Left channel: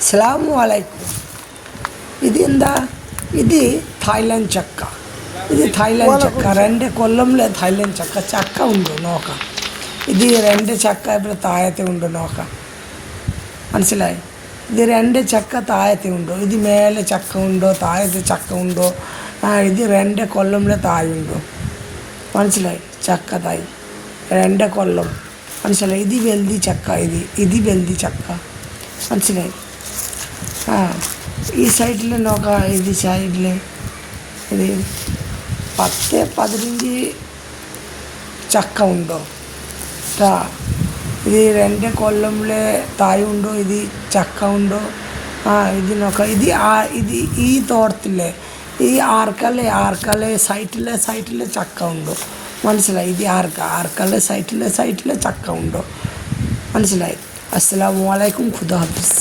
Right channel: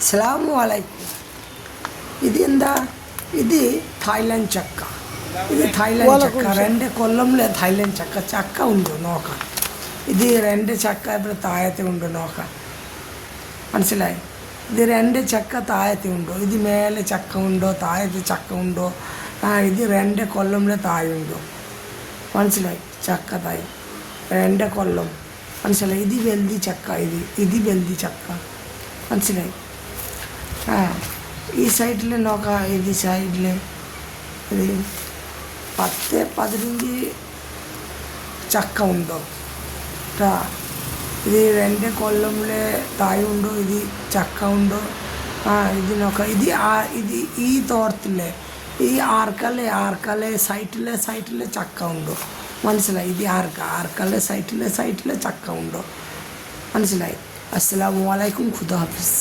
അസ്സലാമു അലൈക്കും. ഇതെന്താ? ഇത് തായ്ലൻഡ് ചക്ക. ഇത് തായ്ലൻഡ് ചക്ക. 2 കൊല്ലംലെ തായ്ലൻഡ് ചക്ക. ചക്ക ഉണ്ടോ നോക്കാം. ഇത് 2 ചക്ക ഇവിടെ താഴത്തെ ഉണ്ടോ നോക്കാം. മനസ്സിലായി? ഇത് 2 ചക്ക താഴത്തെ ഉണ്ടോ? ഇത് മേലെ ചക്ക ഉണ്ടോ? താഴത്തെ ചക്ക ഉണ്ടോ? ഇത് 2 കൊല്ലംലെ താഴുണ്ടോ? മനസ്സിലായി? ചക്ക തായ് 2 കൊല്ലം. മനസ്സിലായി? ഇത് വെൽതി ചക്ക. ഇത് വെൽതി ചക്ക. മനസ്സിലായി? ഈ സൈഡിൽ നോക്കാം. ഇത് സൈഡിൽ ഇത് 10-15 ചക്ക ഉണ്ടോ കേട്ടോ. ഇത് 2 കൊല്ലംലെ താഴുണ്ടോ? ഇത് ചക്ക ഉണ്ടോ? ഇത് നോക്കാം. ഇത് ഈ തോട്ടത്തിലെ ഈ ആർക്കലെ സൈറ്റിലെ ചക്ക ഉണ്ടോ? മനസ്സിലായി? ഇത് ആർക്കലെ സൈറ്റിലെ ചക്ക ഉണ്ടോ? മനസ്സിലായി? അസ്സലാമു അലൈക്കും. ഖുദാ ഹാഫിസ്.